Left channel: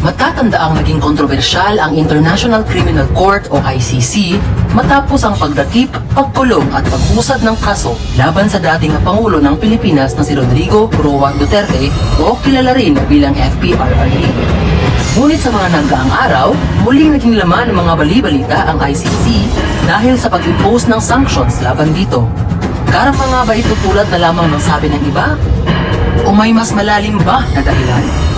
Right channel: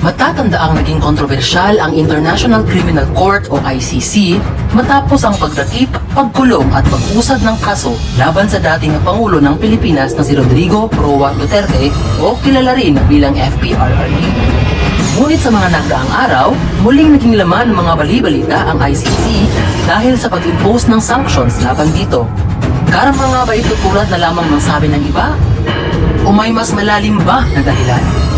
Matatandaang naging kontrobersyal ang International Criminal Court o ICC matapos ang pagdakip, pagkulong at pag-usad ng kaso laban sa dating na Pangulo ng Pilipinas na si Rodrigo Roa Duterte o kilala rin bilang FPRRD. Ngunit sa mga nagdaang araw, muling naging laman ng mga bali-balita ang ICC dahil sa pag-impose ng sanctions laban dito. Karama nga ba ito tulad na lamang ng sabi ng iba? O may mas malalim ba na dahilan?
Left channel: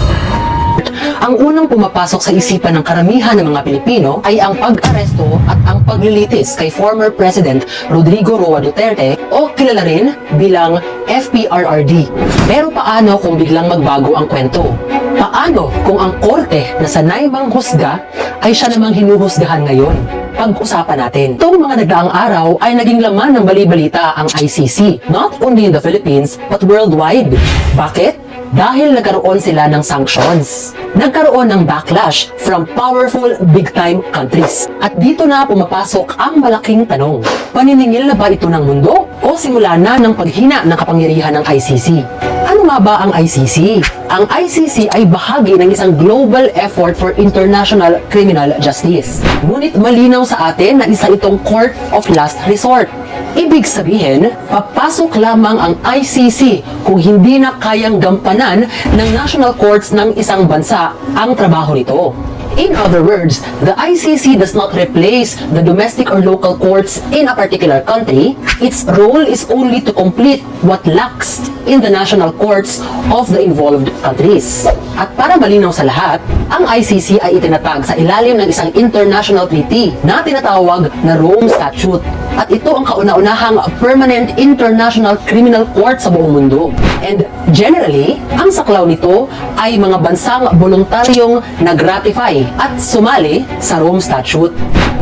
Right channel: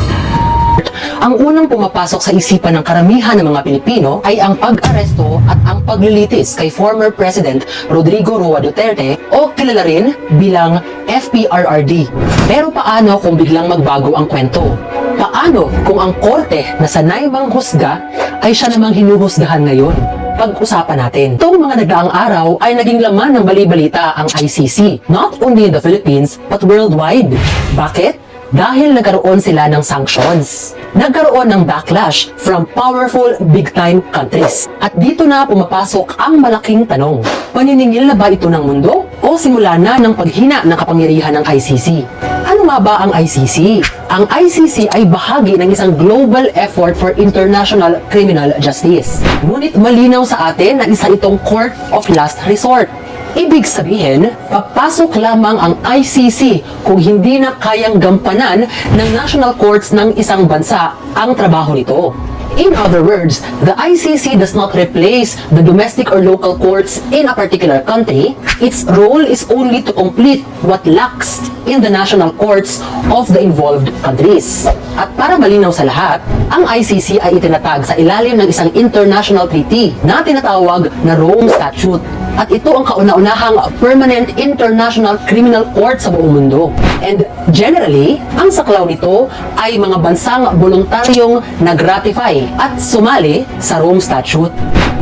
Ang unang pumapasok sa isipan ng karamihan ng mga Pilipino ay ang pag-aresto at ang paglilitis kay former President Rodrigo Roa Duterte o kilala rin bilang FPRRD. Pero paano kung biglang magbago ang kwento? Paano kung ang korte na sanay manghusga ay siya namang hinuhusgahan ngayon? Pag-usapan natin. Itong mga nagdaang araw ay naging laman ng bali-balita ang ICC, not only in the Philippines but worldwide. Bakit? Dahil nagkaroon sila ng sanctions. Nagkaroon ng backlash from powerful big-time countries. At dito na pumapasok ang malaking tanong. Paniningil na ba ito ng mundo? O simula na ng paghina ng kapangyarihan ng ICC? Ano nga ba ang ICC? Ang ICC ay bahagi ng isang global effort for international criminal justice. Ngunit malinaw sa atin na isa itong court of last resort. Ibig sabihin, papasok lamang ang ICC kung hindi na kayang gampanan ng national courts ng isang bansa ang trabaho nito. In other words, the ICC does not replace the domestic or local courts in a particular country. Its role is only to complete what lacks in the national courts of the involved countries. At para malinaw sa lahat, ang ICC ay itinatag sa ilalim ng isang international treaty na tinatawag na Rome Statute. At ito ang kauna-unahang permanent international criminal court sa buong mundo. And generally, ang saklaw nito ay mga bansang voluntaryong nag-ratify at sumali sa Rome Statute.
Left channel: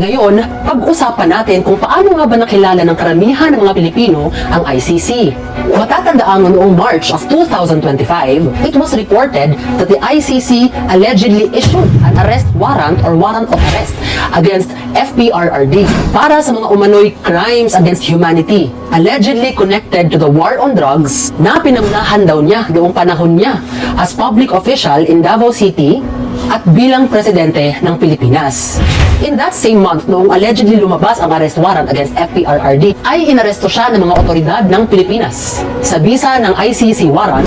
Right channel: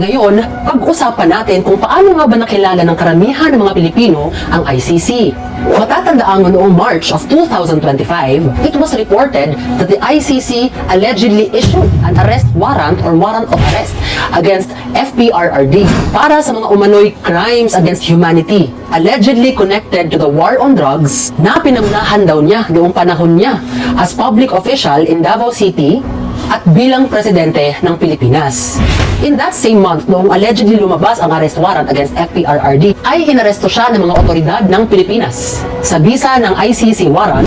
Ngayon, pag-usapan natin kung paano nga ba nakilala ng karamihan ng mga Pilipino ang ICC. Matatandaan noong March of 2025, it was reported that the ICC allegedly issued an arrest warrant or warrant of arrest against FPRRD para sa mga umano'y crimes against humanity allegedly connected to the war on drugs na pinangunahan daw niya noong panahon niya as public official in Davao City at bilang presidente ng Pilipinas. In that same month, noong allegedly lumabas ang arrest warrant against FPRRD, ay inaresto siya ng mga otoridad ng Pilipinas sa bisa ng ICC warrant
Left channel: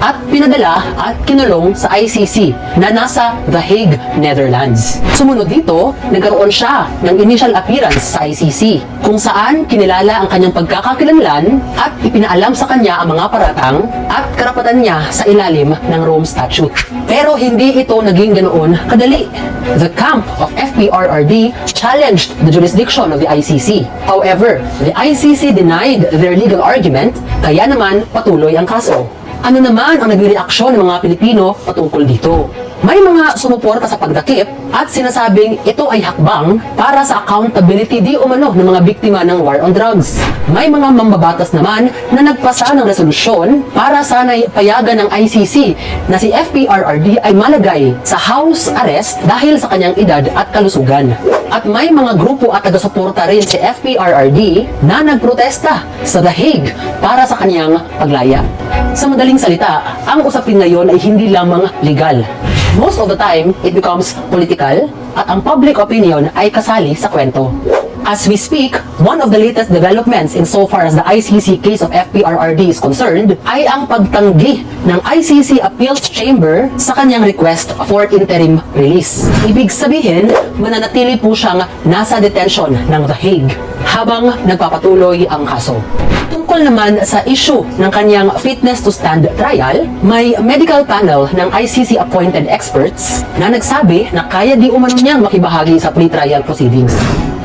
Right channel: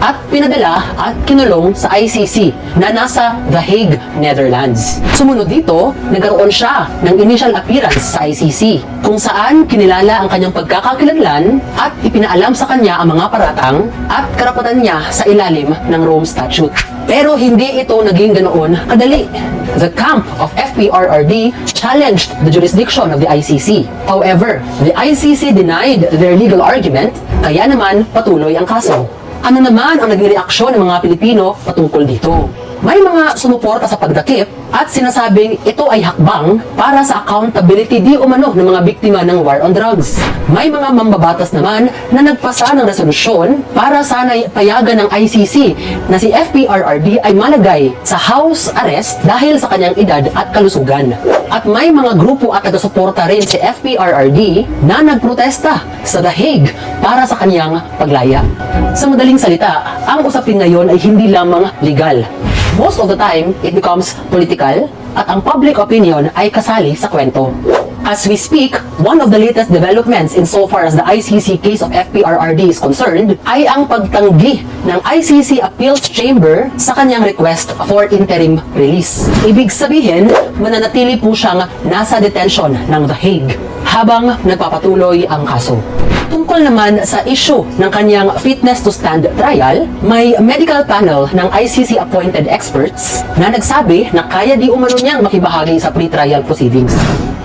at pinadala at kinulong sa ICC na nasa The Hague, Netherlands. Sumunod dito, nagkaroon siya ng initial appearance sa ICC kung saan kinilala ang kanyang pagkakakilanlan at ipinaalam sa kanya ang mga paratang at karapatan niya sa ilalim ng Rome Statute. Pero hindi ito naging ganoon kadali. The camp of FPRRD challenged the jurisdiction of the ICC. However, the ICC denied their legal argument, kaya naman patuloy ang kaso. Ano naman ang naging reaksyon ng mga Pilipino patungkol dito? May mga sumuporta sa pagdakip at sinasabing ito ay hakbang para sa accountability di umano ng mga biktima ng war on drugs. May mga mambabatas naman na nagpasa ng resolusyon para sana'y payagan ng ICC na si FPRRD ay malagay sa house arrest dahil sa kanyang edad at kalusugan. At may mga grupo at taga-suporta rin si FPRRD na nagprotesta sa The Hague para sa kanyang paglaya. Sa madaling salita, ang usapin ngayon ay hindi lamang legal. Most of the time, it becomes political at ang public opinion ay kasali sa kwento. As we speak, one of the latest developments insofar as the ICC case of FPRRD is concerned ay ang pagtanggi ng ICC Appeals Chamber sa kanyang request for interim release. Ibig sabihin, mananatili po siyang nasa detention ng The Hague habang nagpapatuloy ang kaso. Tungkol naman sa issue ng kanyang fitness to stand trial, may medical panel ng ICC-appointed experts na nagsabi na kaya di umano niyang makibahagi sa pre-trial proceedings.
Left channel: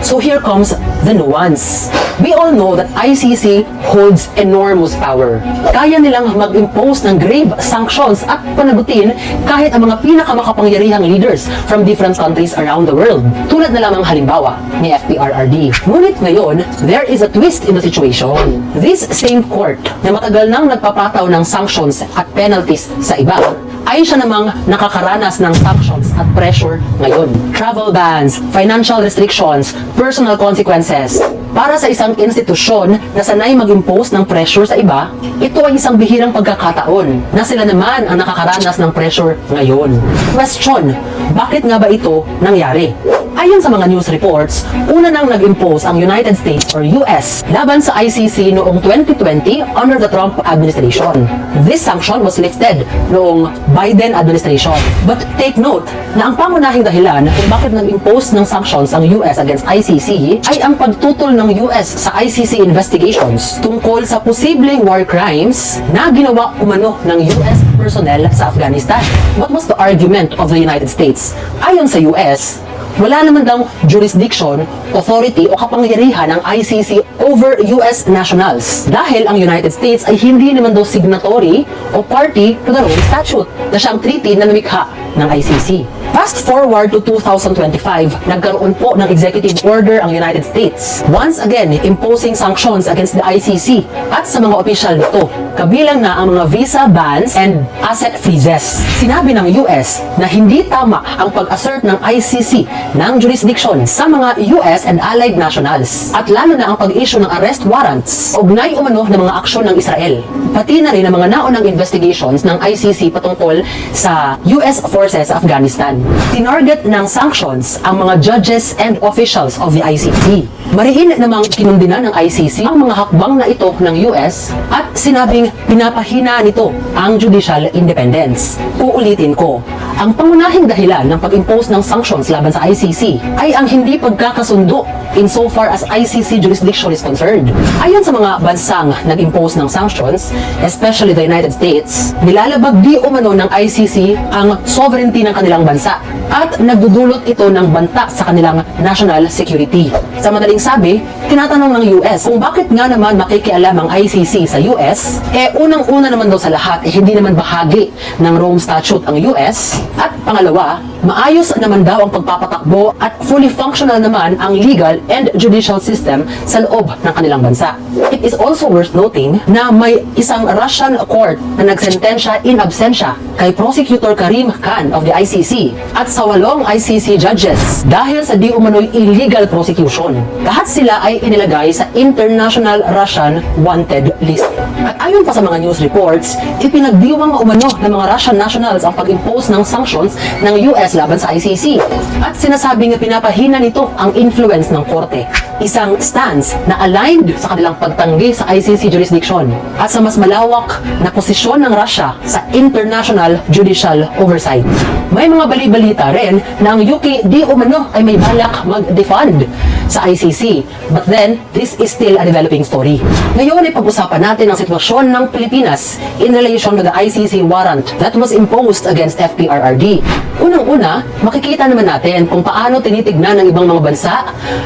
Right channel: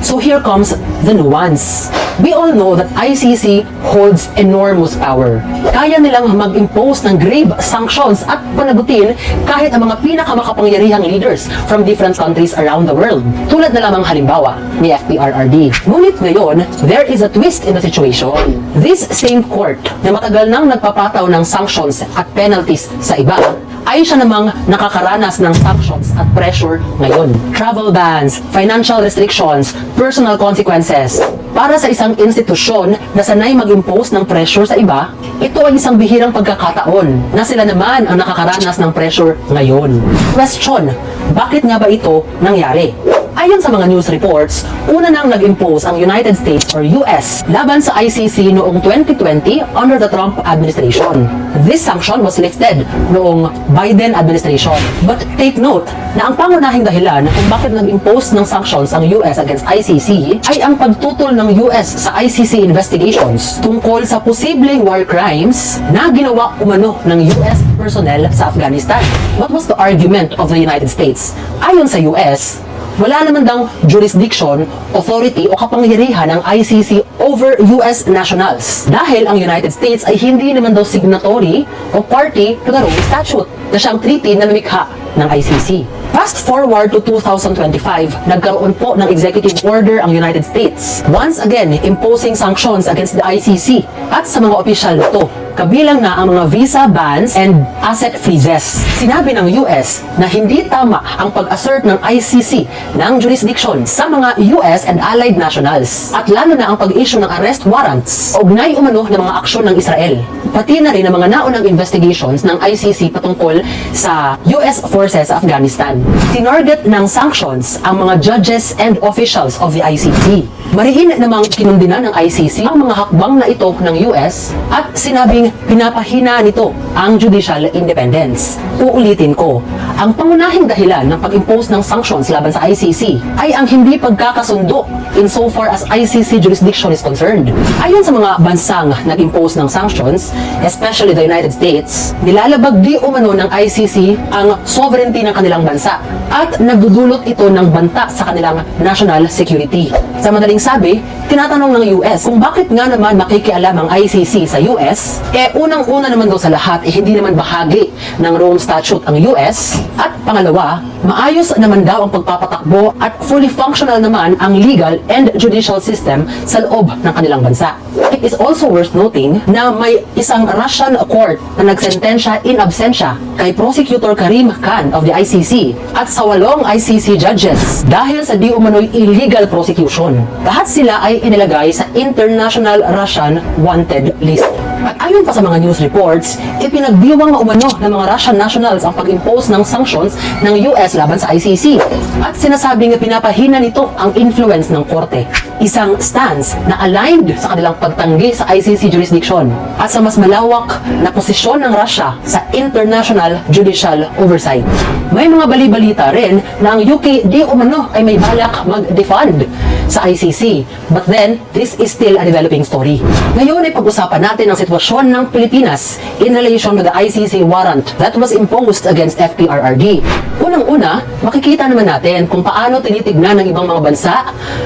So here comes the nuance. We all know that ICC holds enormous power. Kaya nilang mag-impose ng grave sanctions at panagutin kahit ang mga pinakamakapangyarihang leaders from different countries around the world. Tulad na lamang halimbawa ni FPRRD. Ngunit ngayon, there is a twist in the situation. This same court na matagal nang nagpapataw ng sanctions at penalties sa iba, ay siya namang nakakaranas ng sanctions at pressure ngayon. Travel bans, financial restrictions, personal consequences. Para sa isang institusyon na sanay mag-impose ng pressure sa iba, ito ay isang bihirang pagkakataon na sila naman ang nakakaranas ng pressure ngayon. Question, bakit nga ba ito nangyari? Ayon sa mga news reports, una nang nag-impose ang United States or US laban sa ICC noong 2020 under the Trump administration. This sanction was lifted noong Biden administration. But take note na ang pangunahing dahilan kung bakit nag-impose ng sanctions ang US against ICC ay ang pagtutol ng US sa ICC investigations tungkol sa posibleng war crimes na ginawa umano ng US personnel sa Afghanistan. What was the argument of the United States? Ayon sa US, wala naman daw jurisdiction, authority o kapangyarihan ng ICC over US nationals dahil ang United States ay hindi naman daw signatory o party to the Rome Statute na siyang treaty na lumikha ng ICC. Fast forward to 2025, nagkaroon po ng executive order ang United States, once again imposing sanctions against the ICC at sa mga opisyal nito, kabilang na ang mga visa bans and asset freezes. Sinabi ng US na hindi tama ang pag-assert ng ICC ng jurisdiction sa mga US and allied nationals at lalo na ang pag-issue ng arrest warrants ugnay umano ng mga aksyon ng Israel. Pati na rin ang mga naunang investigations ng ICC patungkol sa US forces sa Afghanistan. Tinarget ng sanctions ang mga judges and officials of the ICC. Mariin namang kinundinan ng ICC ang mga hakbang na ito ng US at sinabing pinapahina nito ang judicial independence. Uulitin ko, ang pangunahing dahilan ng pag-impose ng sanctions laban sa ICC ay ang hindi pagkakasundo insofar as ICC jurisdiction is concerned. Ayon sa mga bansang nag-impose ng sanctions, especially the United States, nilalabag di umano ng ICC ang sovereignty ng kanilang bansa at nagdudulot ito ng banta sa kanilang national security. Sa madaling sabi, tinatanong ng US kung bakit nga naman makikialam ang ICC sa US, unang-una naman daw sa lahat, hindi naman bahagi ng Rome Statute ang US, at pangalawa, maayos naman daw ang pagpapatakbo at fully functional naman ang legal and judicial system sa loob ng kanilang bansa. It is also worth noting na may isang Russian court na nagsentensya in absentia kay Prosecutor Karim Khan of the ICC at sa 8 ICC judges dahil sa di umano'y illegal prosecution. Lahat sila ay inilagay sa International Russian Wanted List. At ayon pa sa mga news reports, ipinagdiwang umano ng mga Russian nationals ang pag-impose ng sanctions ng US laban sa ICC. At sinasabing na pinapahina nito ang influence ng korte. Isang stance na aligned sa kanilang pagtanggi sa ICC jurisdiction at sa mas malawak na posisyon ng Russia sa international judicial oversight. May mga bali-balita rin na ang UK di umano ay may balak mag-defund sa ICC. But then, this is still a developing story. Ngayon ay pag-usapan natin ang sitwasyon ng Pilipinas in relation to the ICC warrant that was imposed against FPRRD. Unang-una, makikita naman natin kung paano tinitignan ng ibang mga bansa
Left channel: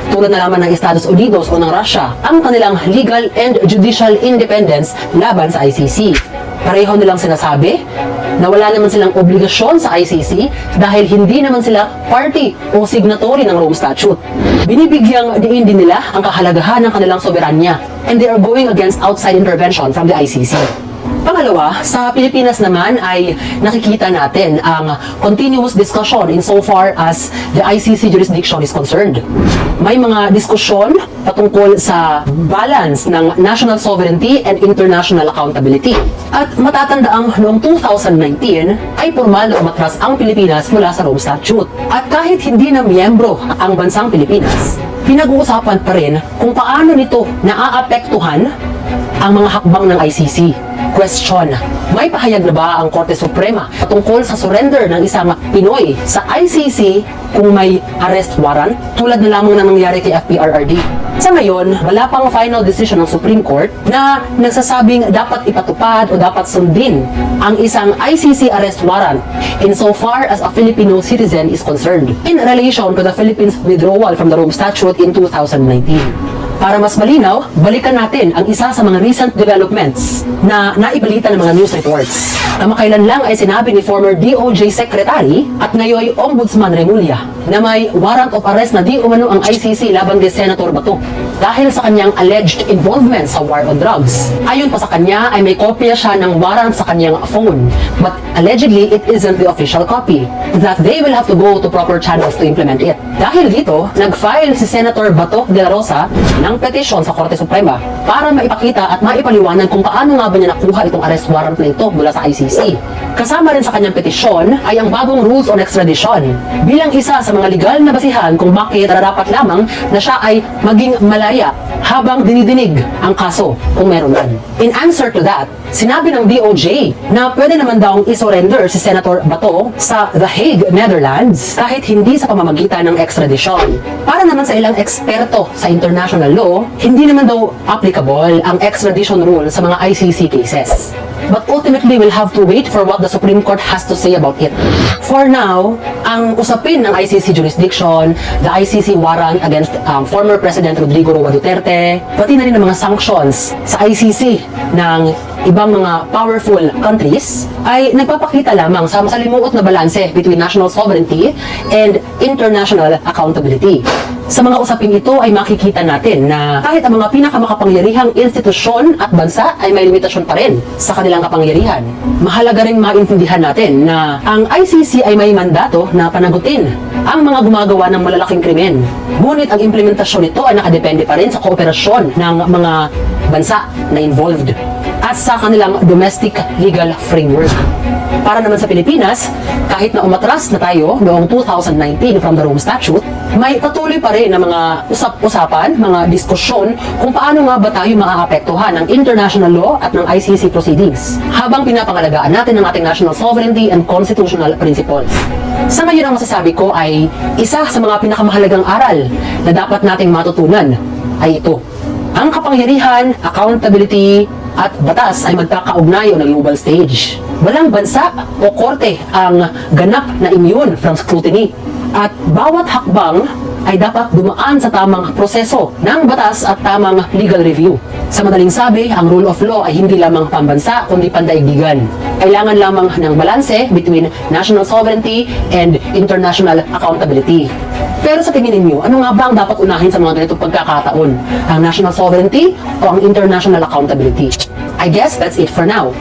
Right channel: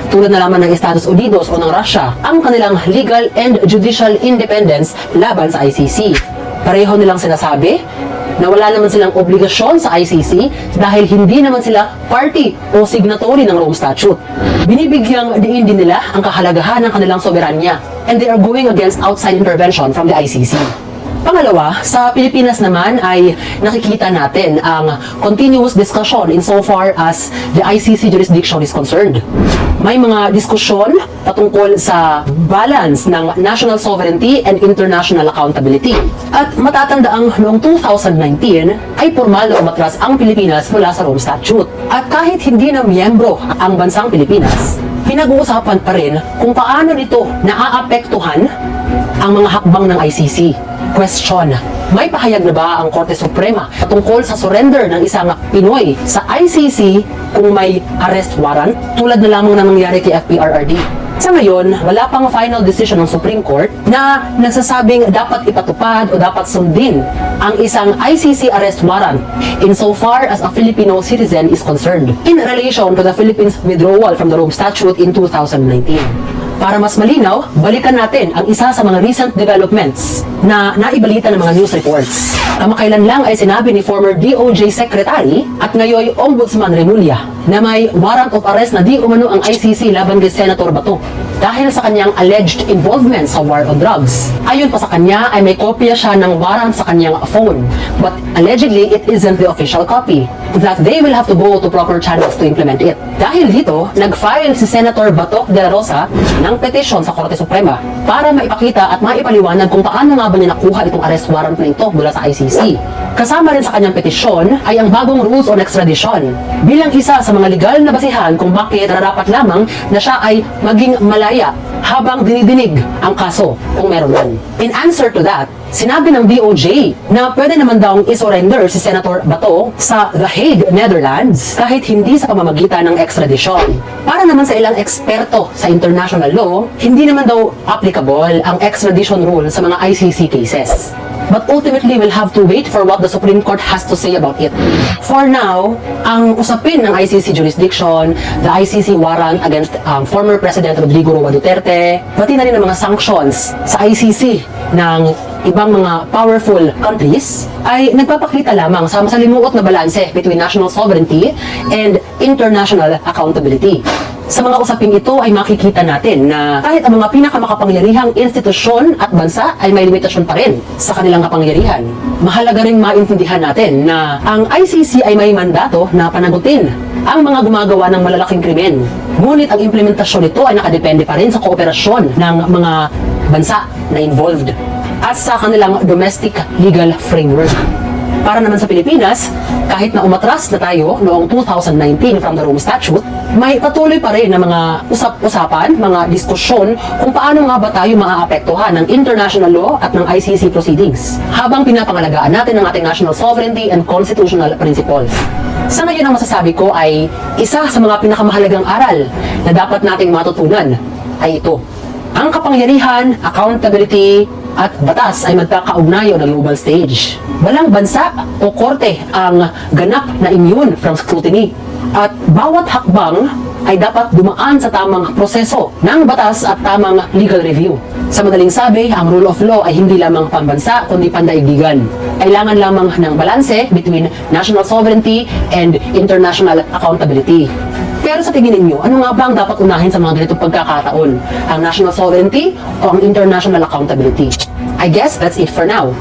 tulad na lamang ng Estados Unidos o ng Russia ang kanilang legal and judicial independence laban sa ICC. Pareho nilang sinasabi na wala naman silang obligasyon sa ICC dahil hindi naman sila party o signatory ng Rome Statute. Binibigyang diin din nila ang kahalagahan ng kanilang soberanya and they are going against outside intervention from the ICC. Pangalawa, sa Pilipinas naman ay nakikita natin ang continuous discussion insofar as the ICC jurisdiction is concerned. May mga diskusyon patungkol sa balance ng national sovereignty and international accountability. At matatandaang noong 2019 ay formal na umatras ang Pilipinas mula sa Rome Statute. At kahit hindi na miyembro ang bansang Pilipinas, pinag-uusapan pa rin kung paano nito naaapektuhan ang mga hakbang ng ICC. Question, may pahayag na ba ang Korte Suprema patungkol sa surrender ng isang Pinoy sa ICC kung may arrest warrant tulad na lamang na nangyari kay FPRRD? Sa ngayon, wala pang final decision ng Supreme Court na nagsasabing dapat ipatupad o dapat sundin ang isang ICC arrest warrant insofar as a Filipino citizen is concerned in relation to the Philippines withdrawal from the Rome Statute in 2019. Para mas malinaw, balikan natin ang isa sa mga recent developments na naibalita ng mga news reports. Kamakailan lang ay sinabi ni former DOJ Secretary at ngayon Ombudsman Remulla na may warrant of arrest na di umano ang ICC laban kay Senator Bato dahil sa kanyang alleged involvement sa war on drugs. Ayon pa sa kanya ay may kopya siya ng warrant sa kanyang phone, but allegedly it isn't the official copy, that they will have to go to proper channels to implement it. Dahil dito, nag-file si Senator Bato de la Rosa ng ng petisyon sa Korte Suprema para maipakita at maipaliwanag kung paano nga ba niya nakuha itong arrest warrant na ito mula sa ICC. Kasama rin sa kanyang petisyon ay ang bagong rules on extradition bilang isa sa mga legal na basihan kung bakit nararapat lamang na siya ay maging malaya habang dinidinig ang kaso kung meron man. In answer to that, sinabi ng DOJ na pwede naman daw isurrender si Senator Bato sa The Hague, Netherlands kahit hindi sa pamamagitan ng extradition. Para naman sa ilang eksperto sa international law, hindi naman daw applicable ang extradition rule sa mga ICC cases. But ultimately, we'll have to wait for what the Supreme Court has to say about it. For now, ang usapin ng ICC jurisdiction, the ICC warrant against former President Rodrigo Roa Duterte, pati na rin ang mga sanctions sa ICC ng ibang mga powerful countries, ay nagpapakita lamang sa masalimuot na balanse between national sovereignty and international accountability. Sa mga usaping ito ay makikita natin na kahit ang mga pinakamakapangyarihang institusyon at bansa ay may limitasyon pa rin sa kanilang kapangyarihan. Mahalaga rin maintindihan natin na ang ICC ay may mandato na panagutin ang mga gumagawa ng malalaking krimen. Ngunit ang implementasyon nito ay nakadepende pa rin sa kooperasyon ng mga bansa na involved at sa kanilang domestic legal framework. Para naman sa Pilipinas, kahit na umatras na tayo noong 2019 from the Rome Statute, may patuloy pa rin na mga usap-usapan, mga diskusyon kung paano nga ba tayo maaapektuhan ng international law at ng ICC proceedings habang pinapangalagaan natin ang ating national sovereignty and constitutional principles. Sa ngayon ang masasabi ko ay isa sa mga pinakamahalagang aral na dapat nating matutunan ay ito. Ang kapangyarihan, accountability, at batas ay magkakaugnay on a global stage. Walang bansa o korte ang ganap na immune from scrutiny. At bawat hakbang ay dapat dumaan sa tamang proseso ng batas at tamang legal review. Sa madaling sabi, ang rule of law ay hindi lamang pambansa kundi pandaigdigan. Kailangan lamang ng balanse between national sovereignty and international accountability. Pero sa tingin ninyo, ano nga ba ang dapat unahin sa mga ganitong pagkakataon? Ang national sovereignty o ang international accountability? I guess that's it for now.